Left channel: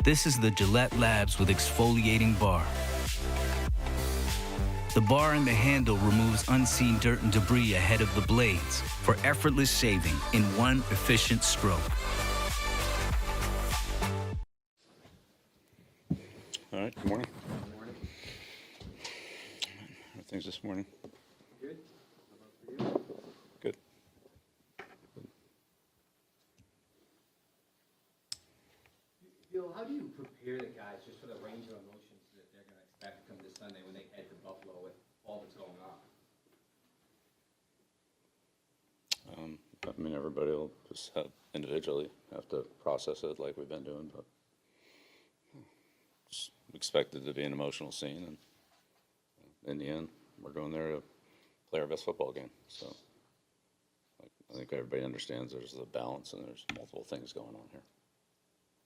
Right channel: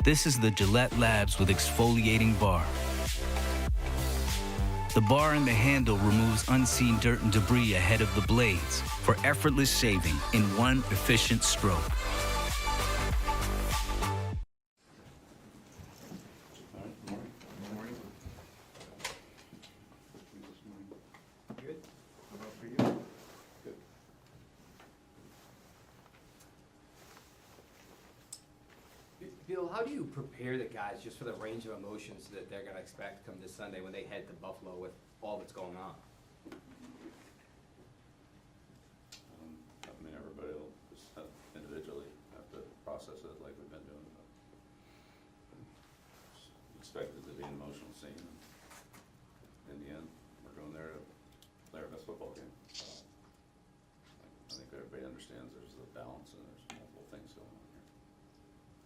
This is the Gillette Labs with exfoliating bar. The bar and the handle removes unseen dirt and debris ahead of the blades for effortless shaving in one efficient stroke. All right, good morning. Good morning. How things this morning? Good. How about for you? Good. Bill, how do you prepare the guys just for the range of emotions that they're going to expect come this Sunday when they head to Buffalo with all that's going on? I mean, everybody will just individually have to process it like we've been doing, but just expect it to be an emotional scene, and in the end, we're going there to play our best football game. So I think everybody understands there's a balance and there's multiple things going on here.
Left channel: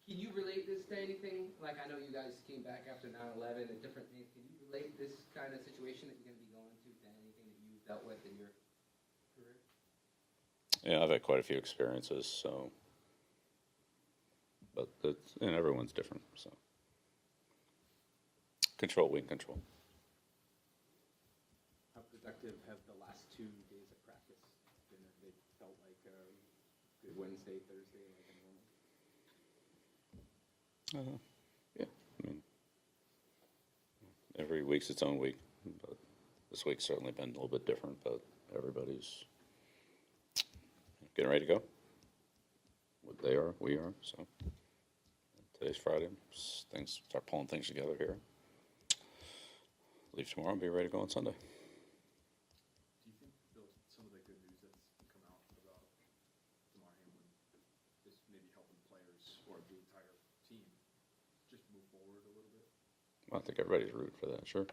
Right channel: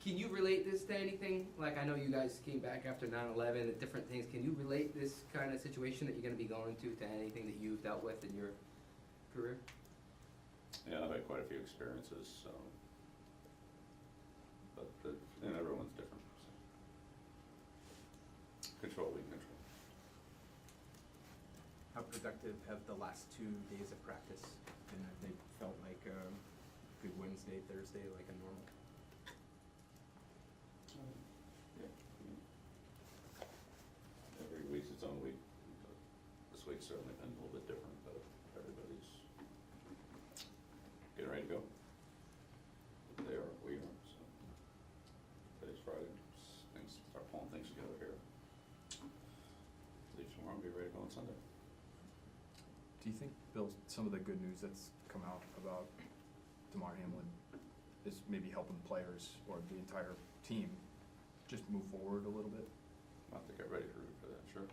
Can you relate this to anything? Like, I know you guys came back after 9/11 and different things. Can you relate this kind of situation that you're going to be going to anything that you've dealt with in your career? Yeah, I've had quite a few experiences, so, but and everyone's different, so. Control, we can control. How productive have the last 2 days of practice been? Have they felt like a good Wednesday, Thursday, like a normal? Yeah, I mean, every week's its own week. But this week's certainly been a little bit different, but everybody's getting ready to go. They are, we are, so. Today's Friday, things start pulling things together here. Leave tomorrow and be ready to go on Sunday. Do you think, Bill, some of the good news that's come out about Damar Hamlin is maybe helping players or the entire team just move forward a little bit? I think everybody's rooting for that, sure.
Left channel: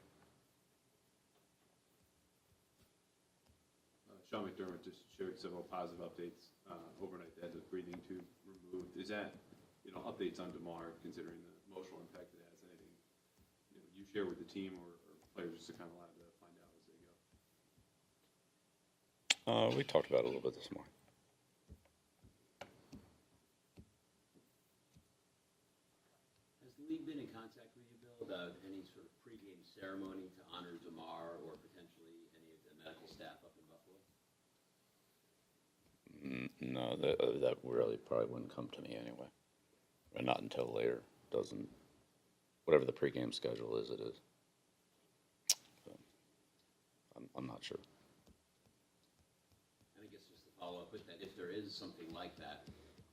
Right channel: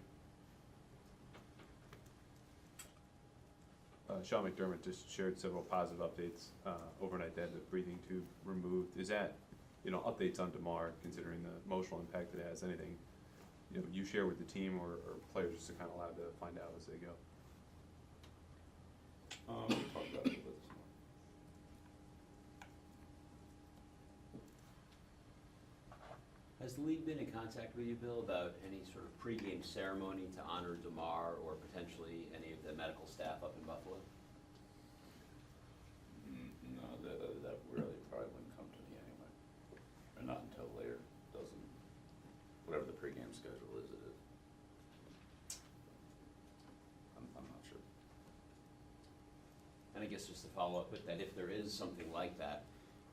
Sean McDermott just shared several positive updates overnight. They had the breathing tube removed. Is that, updates on Damar, considering the emotional impact it has? Anything, you share with the team or players just are kind of allowed to find out as they go? We talked about it a little bit this morning. Has the league been in contact with you, Bill, about any sort of pregame ceremony to honor Damar or potentially any of the medical staff up in Buffalo? No, that really probably wouldn't come to me anyway. Or not until later. Whatever the pregame schedule is, it is. But I'm not sure. And I guess just to follow up with that, if there is something like that,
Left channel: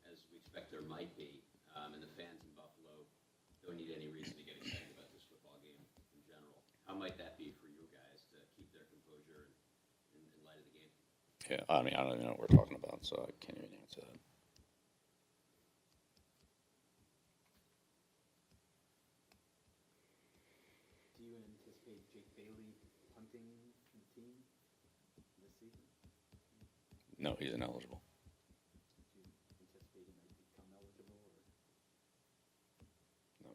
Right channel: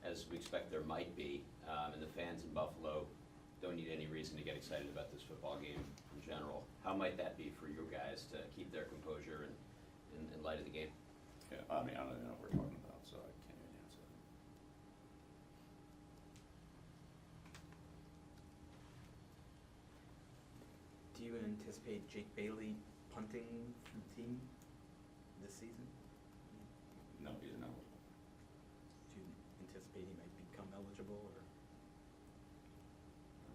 as we expect there might be, and the fans in Buffalo don't need any reason to get excited about this football game in general, how might that be for you guys to keep their composure in light of the game? Yeah, I mean, I don't even know what we're talking about, so I can't even answer that. Do you anticipate Jake Bailey punting for the team this season? No, he's ineligible. Do you anticipate he might become eligible, or?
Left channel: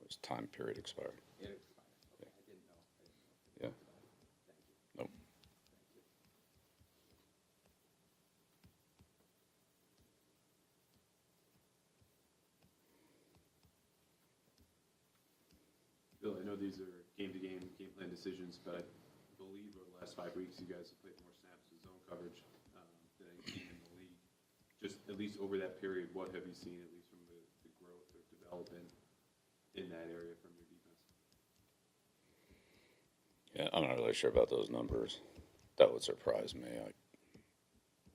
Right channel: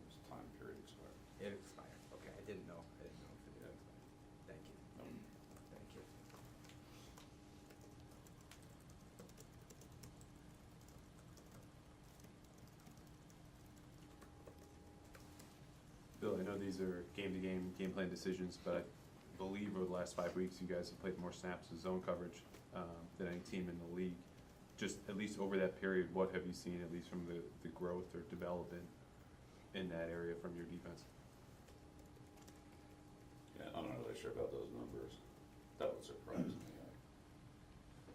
His time period expired. It expired. Okay, I didn't know. If it Yeah. expired. Thank you. Nope. Thank you. Bill, I know these are game-to-game, game plan decisions, but I believe over the last 5 weeks, you guys have played more snaps in zone coverage than any team in the league. Just at least over that period, what have you seen, at least from the growth or development in that area from your defense? Yeah, I'm not really sure about those numbers. That would surprise me.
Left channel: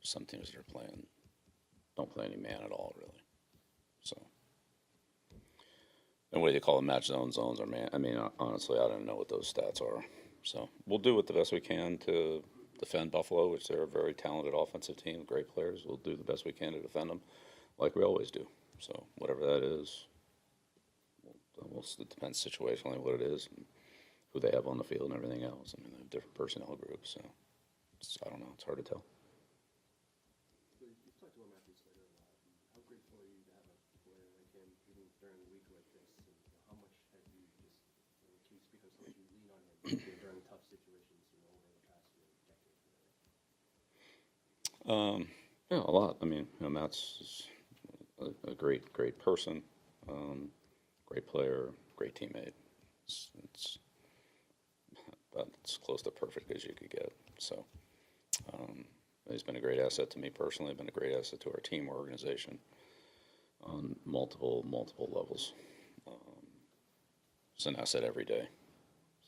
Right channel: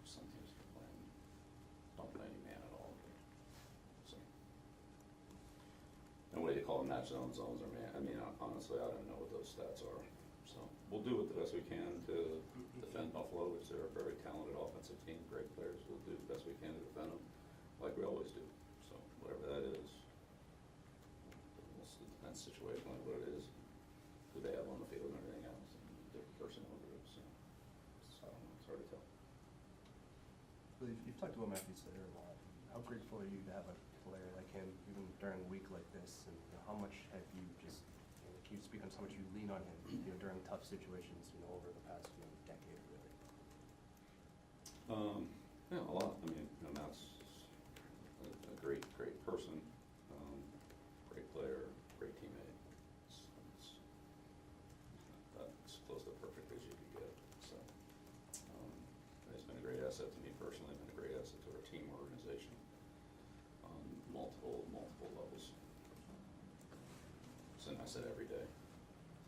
Some teams that are playing don't play any man at all, really. So, and what do you call them? Match zones or man? I mean, honestly, I don't know what those stats are. So we'll do it the best we can to defend Buffalo, which they're a very talented offensive team, great players. We'll do the best we can to defend them, like we always do. So whatever that is, it depends situationally what it is, and who they have on the field and everything else. I mean, they have different personnel groups, so I don't know. It's hard to tell. Well, you've talked about Matthew Slater a lot. How grateful are you to have a player like him, even during a week like this? And how much have you just, can you speak on how much you lean on him during tough situations, over the past decade, really? Yeah, a lot. I mean, Matt's a great person, great player, great teammate. It's about as close to perfect as you could get. So he's been a great asset to me personally, been a great asset to our team, our organization on multiple levels. It's an asset every day.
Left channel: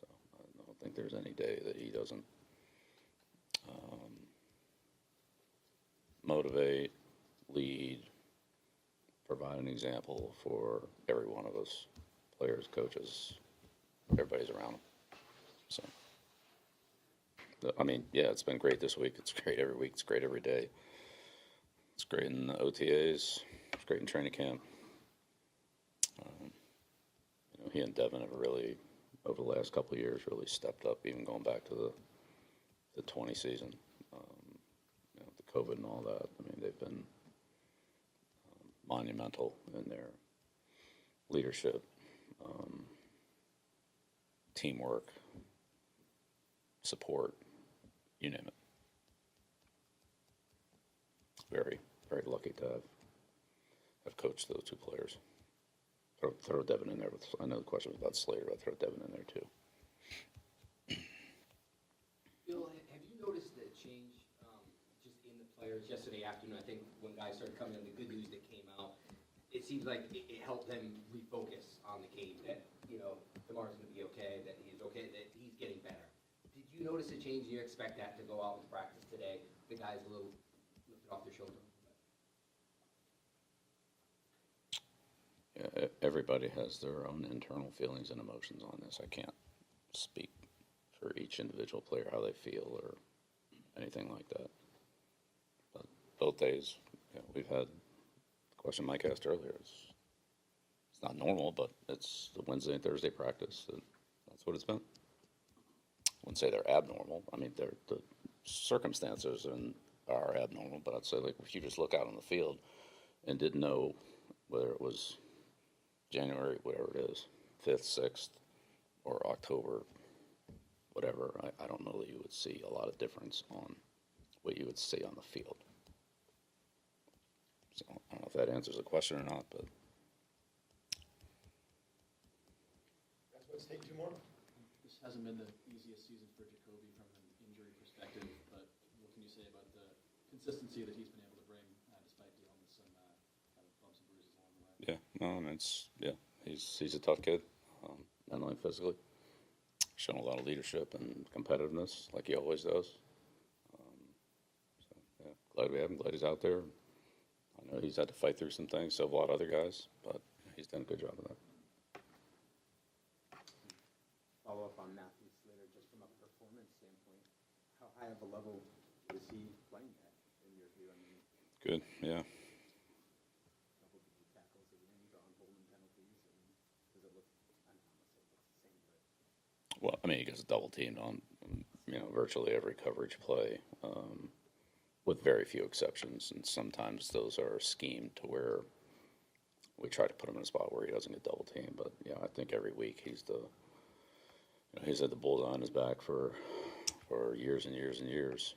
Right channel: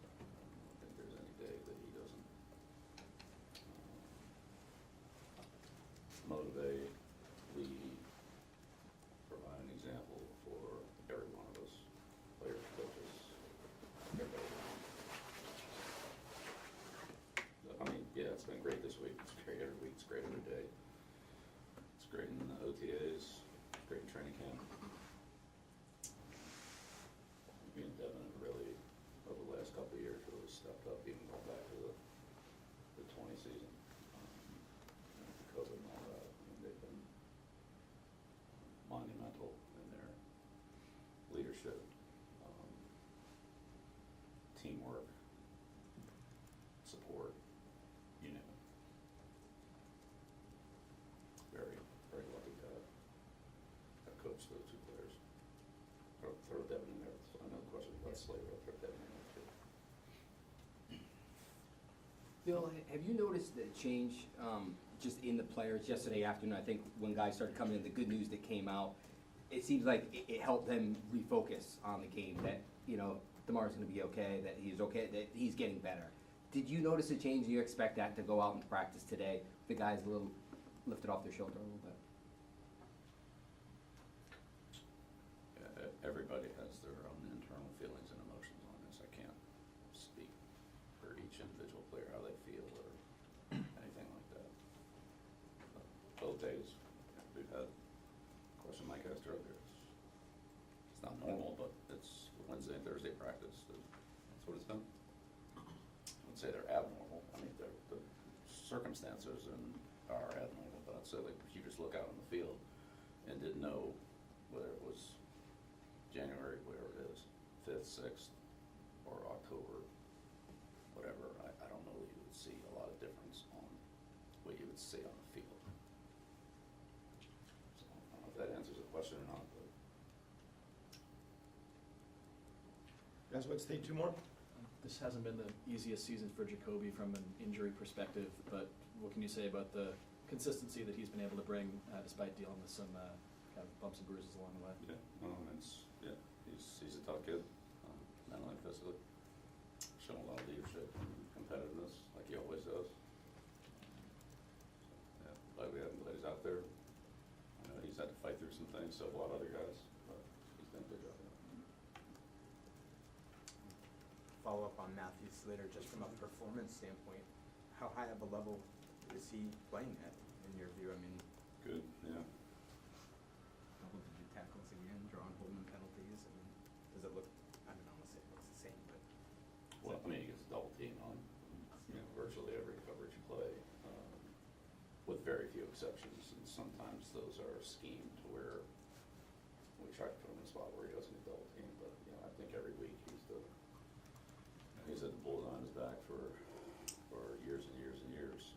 So I don't think there's any day that he doesn't motivate, lead, provide an example for every one of us, players, coaches, everybody's around him. So, I mean, yeah, it's been great this week. It's great every week. It's great every day. It's great in the OTAs. It's great in training camp. He and Devin have really, over the last couple of years, really stepped up, even going back to the 20 season. The COVID and all that. I mean, they've been monumental in their leadership, teamwork, support, you name it. Very, very lucky to have coached those two players. Throw Devin in there. I know the question was about Slater, but throw Devin in there too. Bill, have you noticed the change just in the players yesterday afternoon? I think when guys started coming in, the good news that came out, it seems like it helped them refocus on the game, that, you know, Damar's going to be okay, that he's okay, that he's getting better. Did you notice a change? Do you expect that to go out into practice today? The guys a little lifted off their shoulder a little bit? Everybody has their own internal feelings and emotions on this. I can't speak for each individual player, how they feel or anything like that. But both days, we've had the question Mike asked earlier. It's not normal, but it's the Wednesday and Thursday practice. That's what it's been. I wouldn't say they're abnormal. I mean, the circumstances are abnormal, but I'd say, like, if you just look out on the field and didn't know whether it was January, whatever it is, 5th, 6th, or October, whatever, I don't know that you would see a lot of difference on what you would see on the field. So I don't know if that answers the question or not, but. You guys want to stay 2 more? This hasn't been the easiest season for Jacoby from an injury perspective, but what can you say about the consistency that he's been able to bring despite dealing with some kind of bumps and bruises along the way? Yeah, no, he's a tough kid, mentally and physically. Shown a lot of leadership and competitiveness, like he always does. Glad we have him. Glad he's out there. I know he's had to fight through some things, so have a lot of other guys, but he's done a good job of that. Follow up on Matthew Slater, just from a performance standpoint, how high of a level is he playing at, in your view? I mean, Good, yeah. double-digit tackles again, drawing holding penalties. I mean, does it look? I don't want to say it looks the same, but Well, I mean, he gets double teamed on, virtually every coverage play, with very few exceptions. And sometimes those are schemed to where we try to put him in a spot where he doesn't get double teamed. But yeah, I think every week he's had the bullseye on his back for years and years and years.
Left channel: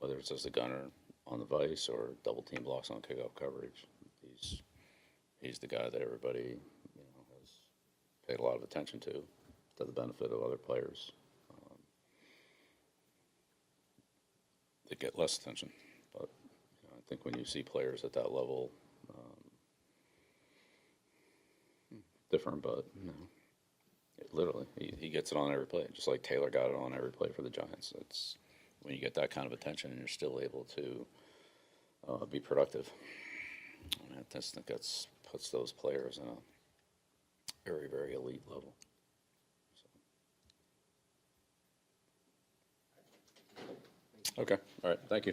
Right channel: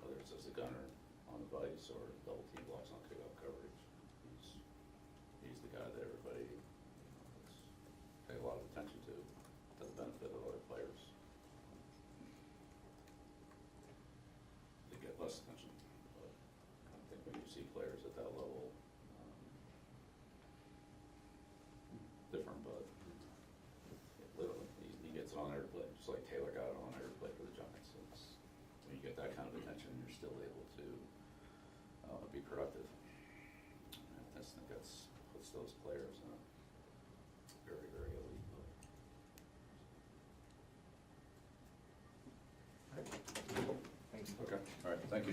Whether it's as a gunner on the vice or double team blocks on kickoff coverage, he's the guy that everybody has paid a lot of attention to the benefit of other players that get less attention. But I think when you see players at that level, different, but literally, he gets it on every play, just like Taylor got it on every play for the Giants. It's when you get that kind of attention and you're still able to be productive. I just think that's puts those players in a very, very elite level. Okay, all right, thank you.